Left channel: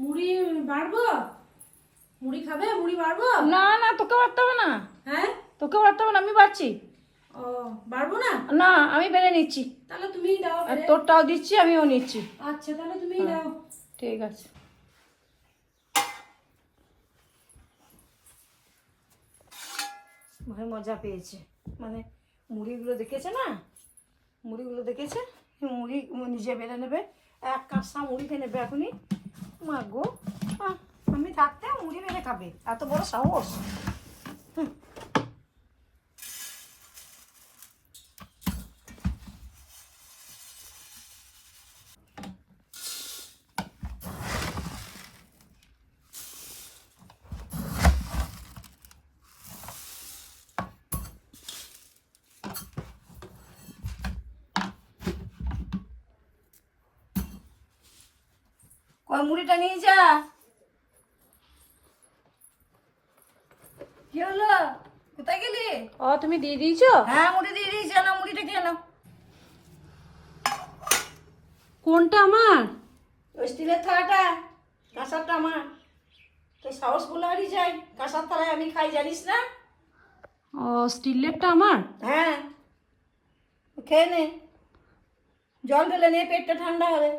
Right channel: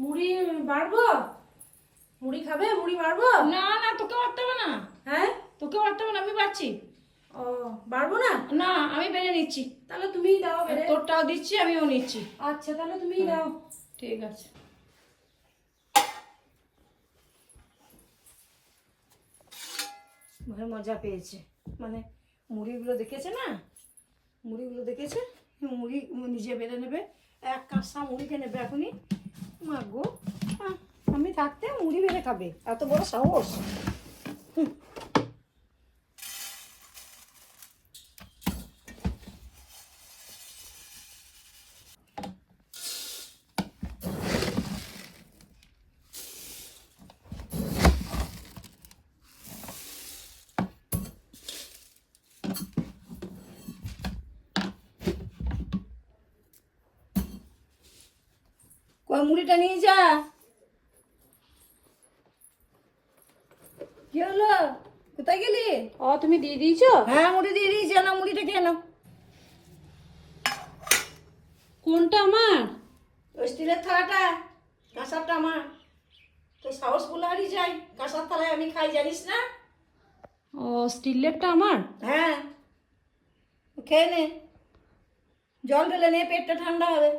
মুড়ি বাড়বো? মুড়ি খাবে? মুড়ি বাড়বো? না না, তোকে বাড়তে হবে না। হ্যাঁ, তোকে বাড়তে হবে না, আমি বাড়ছি। ও বাড়বো না? না, আমি বেড়ে নিচ্ছি। তাহলে তুমিই দাও আর বেড়ে। তোরটাও দিচ্ছি, আমিও নিচ্ছি। আচ্ছা, তাহলে তুমিই দাও। ঠিক আছে। মানে মজা পেয়েছে, মানে মুড়িগুলো দেখেছে না, মুড়িগুলো দেখেছে, মুড়ি নিজে বেড়ে নেবে, এক কাঁচা মুড়ি খেয়ে নেবে এখনই। মা গো, আমি থাকতে মুড়ি বেড়ে খাবে, এত বড় সাহস। কই মুড়িটা নিয়ে যা। কি হলো, কোথায় গেলি? ও, তুমি দিয়ে দিয়েছো? হ্যাঁ, মুড়ি দিয়ে দিয়েছি, না মুড়িটা খেয়ে নাও। কোনটা আমার? ওই স্টিলের থালাটা, কাঁসারটা আমার। তো সাহস বলে হারিয়ে যাই, কাঁসার থালায় আমি খাই, জানিস না? ও, স্টিলেরটা আমার? হ্যাঁ, খেয়ে নে, জল ঢেলে নে, পেটটা ঠান্ডা হবে।